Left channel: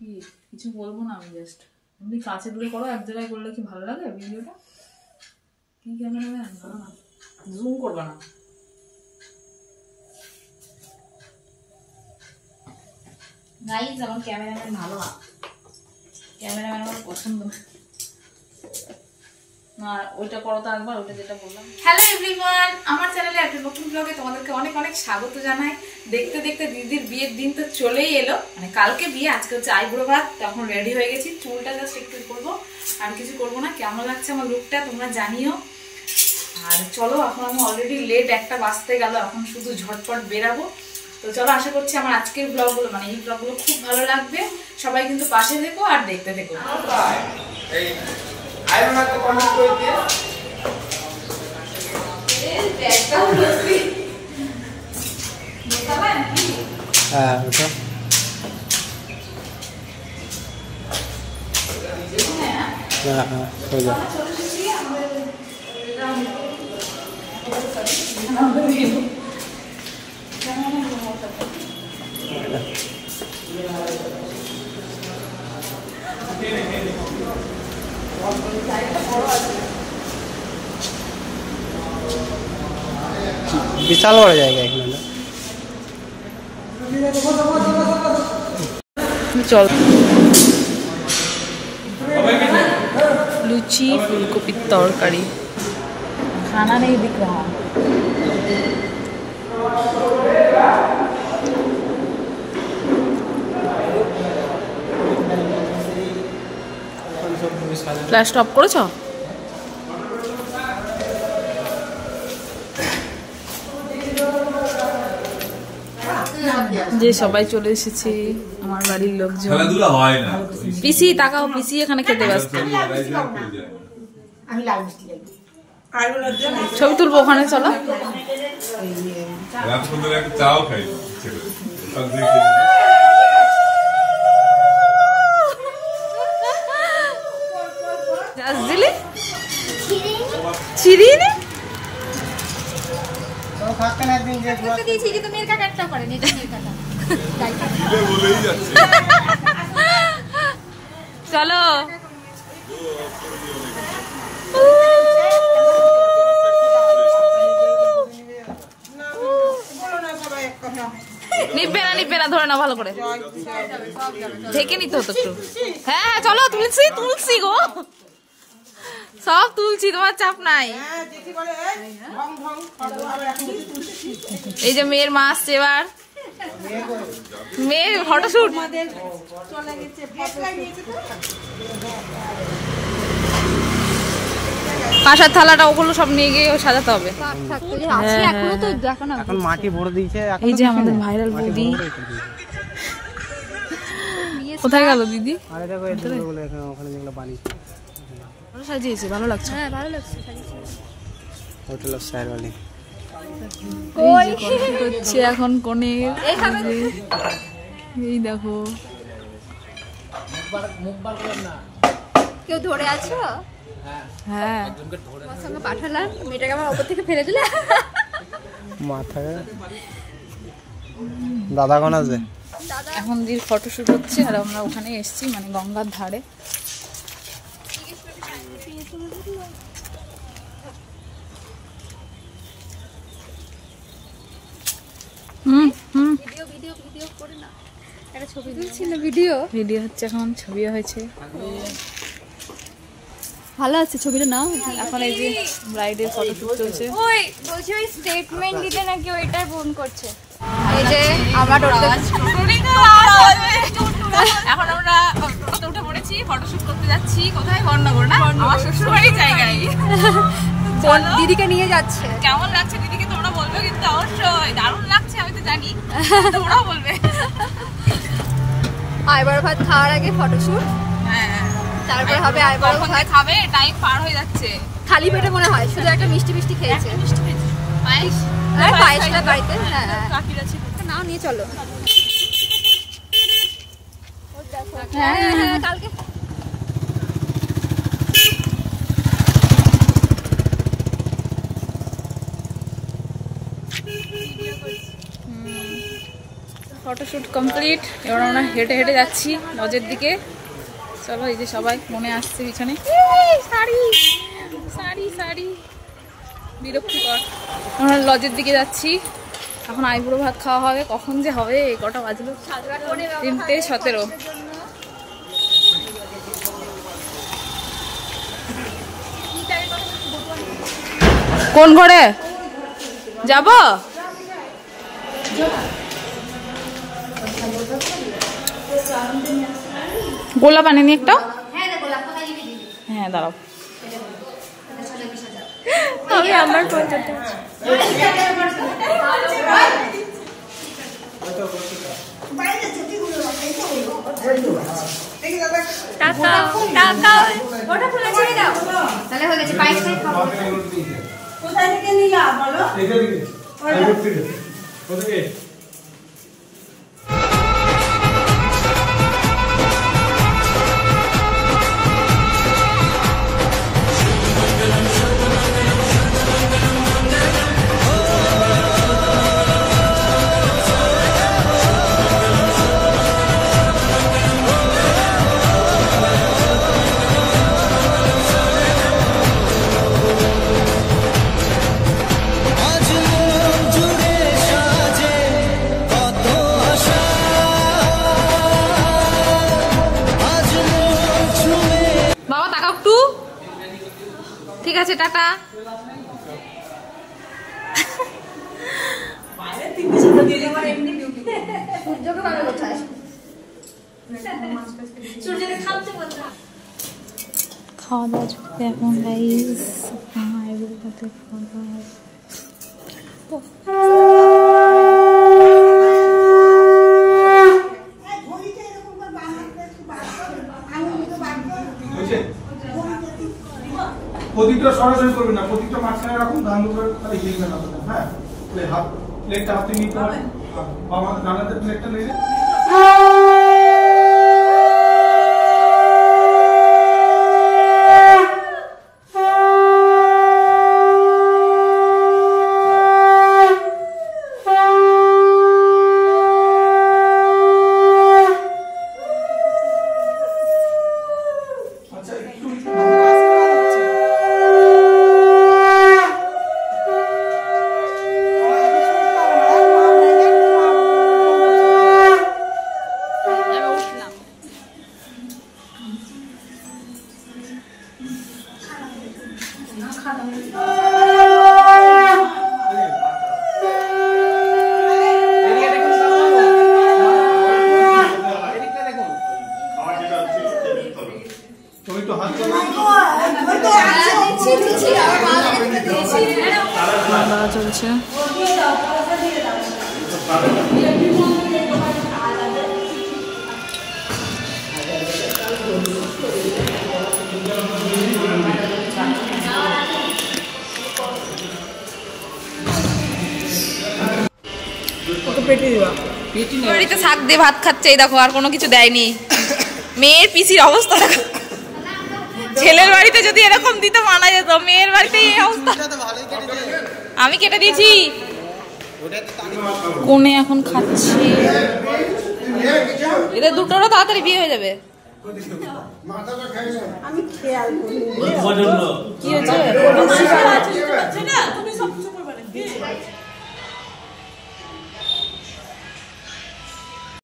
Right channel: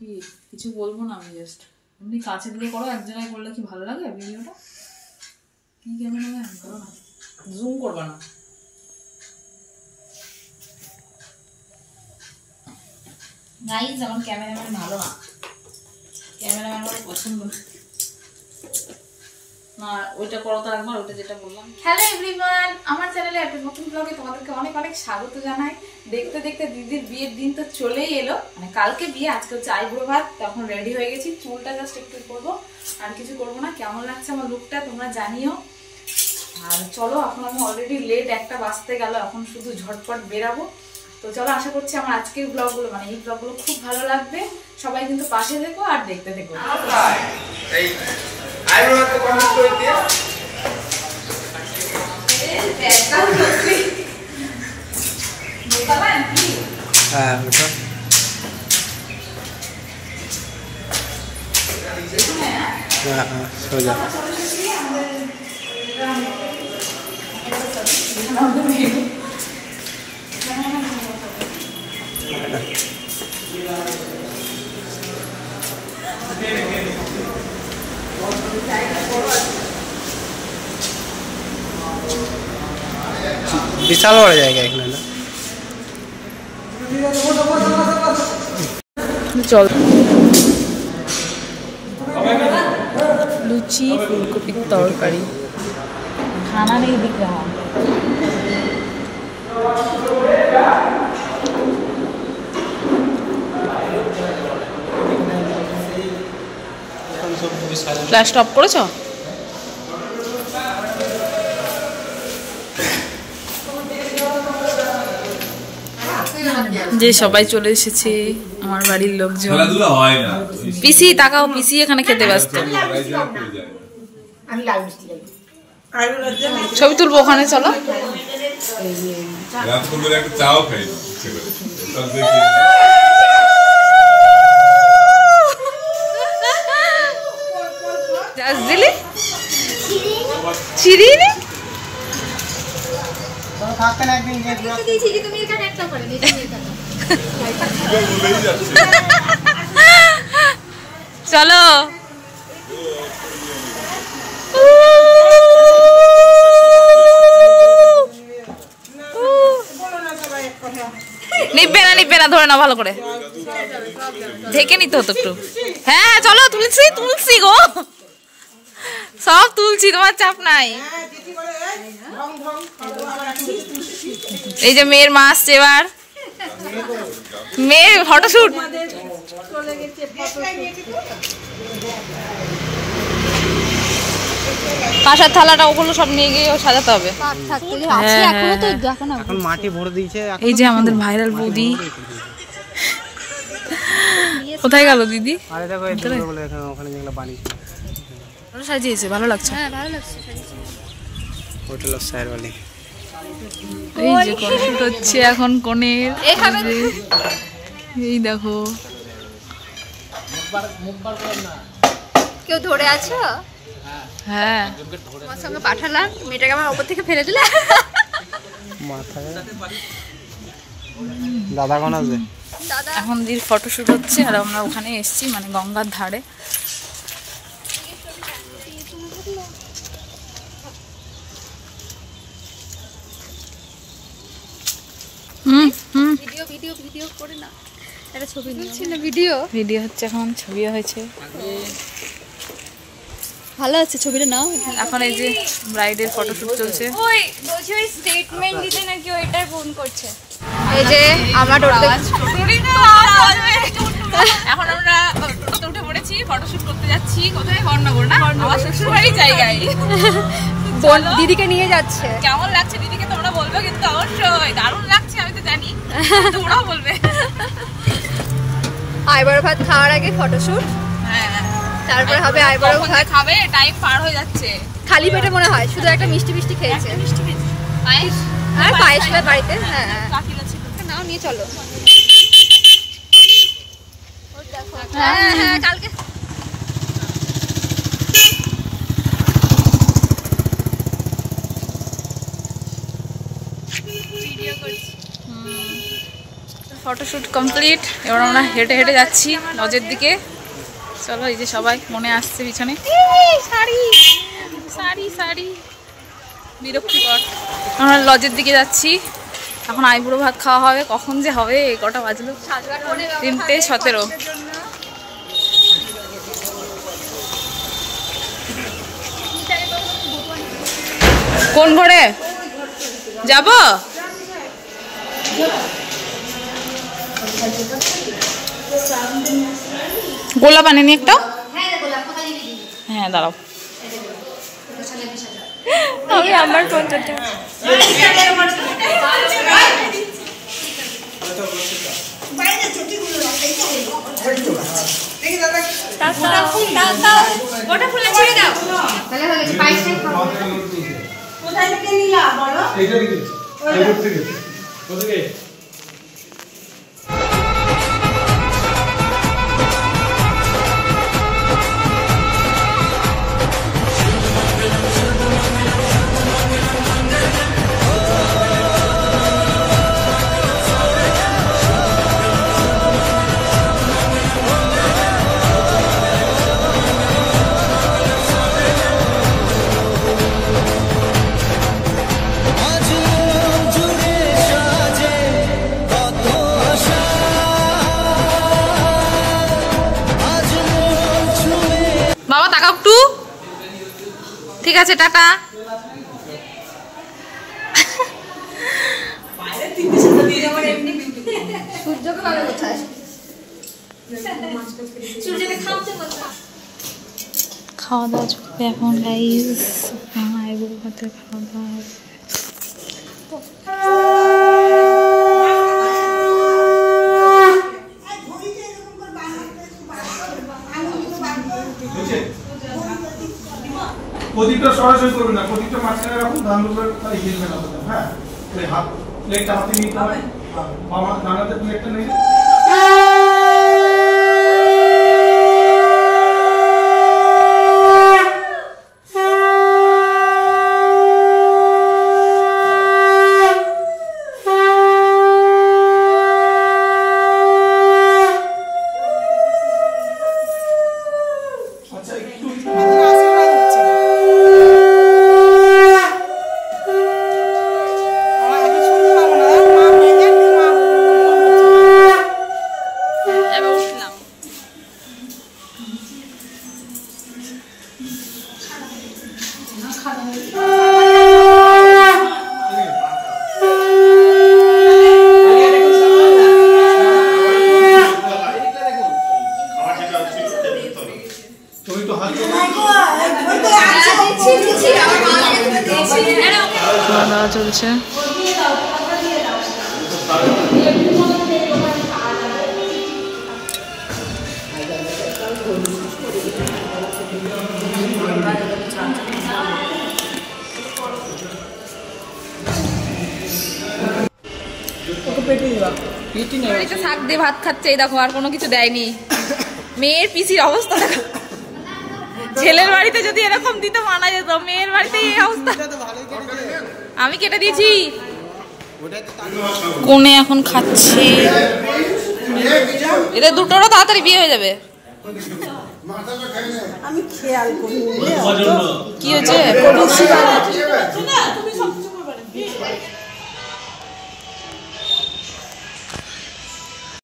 কি কিছু বলবো না, আমি জাস্ট এমনি কাছে দূরে করো, এক জায়গায় করলে কি ভালো লাগে ভিডিওটা? কি ক্যামেরাম্যান, ভালো না, জুম করবা না। গাইস আমার ক্যামেরাম্যান ভালো না, ক্যামেরাম্যান আমার পছন্দ না। ওইটা করো তো একবার, ওইটা যেটা বললাম। হ্যালো এভরিওয়ান, আমার চ্যানেলে একটা নতুন ব্লগে তোমাদেরকে অনেক অনেক স্বাগত জানাই। দেখতে দেখতে দিদির বিয়ের দিন তো চলেই এলো, মানে কালকে বিয়ে, আজকে হচ্ছে আইবুড়ো ভাত। তখন রেডি হয়ে গেছি, চুলটা জাস্ট একটু করবো, আর কিছু করবো না। কেমন লাগছে আমার লুকটা তোমরা জানিও। আর চলো, এখন আমি অলরেডি লেট, 1টা বাজতে গেল, এখন শুধু ঝটপট বেরাবো। তো চলো, আশা করছি আমার আজকের ব্লগগুলো, মানে এই ব্লগগুলো খুব ভালো লাগবে। সবাই কিন্তু পাশে থেকো আর দেখতে থেকো। বিশাল বড় জায়গা এখানে না? চল, লুচি ফুলকপির তরকারি, খানা নেই দিক রাহা। ফ্ল্যাশ স্টপ করেছ? যে সবাই চলে এসেছে আমার বাড়ির লোকজন। পিসি তাকাও, পিসি এখানে খেতে ব্যস্ত। ছবি তুলবো ওখানে, চলো। দিলি চিরিনি চলো। নিবে না নিবে না, ধরে না ভালো করে, ঢেকে নিতে হতো একটু। হ্যাঁ চলো, তুলছি তুলছি গো, সব তুলছি, তোমার চাপ নাই। এই যে মেয়ের মা আসছে, এবার মেয়ের ফটোশুট। কাঁসার থালাটা ওগুলো সব নিয়ে গিয়ে সাজাতে হবে। এই যে আমাদের ভাইরাল বৌদি, কোথায় গেল দিদি? সাজিয়েছে, ভালো লাগছে। এই যে ফটোশুট হচ্ছে এখন কনের, এই দেখো। কেউ ধরে আছো? হ্যাঁ, তোমার সঙ্গে পাঠালাম, মেয়েটাকে আমার উপর থেকে ফেলে দিলে। দাদা কোন আছে? এখন দিদির ফটোশুট হচ্ছে, আর আমরা ওখানে এসেছি, মানে গঙ্গার ধারে। ভিডিও হচ্ছে এখন, ছবিও হয়েছে। ভালো আছে ছবিটা, নাও। এখন এই যে ব্রাইডের ফটোশুট চলছে। ওই বলছি ওই স্টেটমেন্ট দিতে নাকি ওইটার ফোন করছে। এই যে আমরা এখন আমরা টোটোতে উঠে পড়েছি, ফটোশুট করতে যাচ্ছি। কোথায়? বর্ণনগর না, আমার শ্বশুর বাড়ির জায়গায়। দিদিকে নিয়ে যাচ্ছে। কেমন লাগছে দিদিকে তোমরা বলবে কিন্তু অবশ্যই। দারুণ লাগছে, আমি তো জানি, তোমরাও বলবে। আইবুড়ো ভাত খাওয়ার আগে ফটোশুট, হ্যাঁ, তারপরে হবে আইবুড়ো ভাত। খাবে, টাইম পার হয়ে যাচ্ছে। খালি পেটে মনে হয়, শুধু একটা মিষ্টি মিষ্টি খেয়েছে। পায়েস, আর পায়েসটা বাড়িতে। হ্যাঁ নাও, নিয়ে চলো। হ্যাঁ হ্যাঁ, কালকে ফটোশ্যুট কমপ্লিট। এবার আমরা হেঁটে হেঁটে যাচ্ছি লজের দিকে। চলো, এই যে সবাই মনে আসছে পিছনে। শাড়ি শাড়ি শাড়ি বিরক্তিকর। আমরা লজের দিকে যাচ্ছি। এখন আইবুড়ো ভাত খাওয়া হবে। কখন যে হবে, কটা বাজলো? 3:17। কোন ঘরে যাব? গোলাপ আনেনি একটা? হ্যাঁ দাঁড়াও, আমি আমার ফটোটা ওটা ফুলে ছেড়ে দাও, তাহলে হয়ে গেছে। পায়েস খাই খাবো। কোথায় থেকে নিলা বলো? এইটা থেকে, আইবুড়ো থেকে। কোথায়? বাবা তাকাও একটু। ঠিক আছে, টাটা। খাওয়া দাওয়া চলবে এখন গাইস। আইবুড়ো ভাতের খাওয়া দাওয়া হবে। প্রদীপটা সরাসরি করবে না, প্রদীপটা মাঝখানে রাখুন, ধান উপরে হিলবে না। হ্যাঁ, ওই হাত প্লেটটা হাতে নিতে হবে। মামা রান্নাতে প্লেটটা নেবে। খাওয়া দাওয়া চলছে। বাড়িতে শাক দিয়ে ভাত খাচ্ছে, এই দেখো, আর কোনো কিছু দেয়নি। মেয়ের পিসির অবস্থা দেখো। ছেলের বাড়িতে যদি এরকম দিত মানা যেত, মেয়ের বাড়িতে এই অবস্থা। আমি কেটে দিয়েছি। কোনে এখন খাচ্ছে। এদের দুটোরও তাড়াতাড়ি বিয়ে হয়ে যাবে। কি হয়েছে?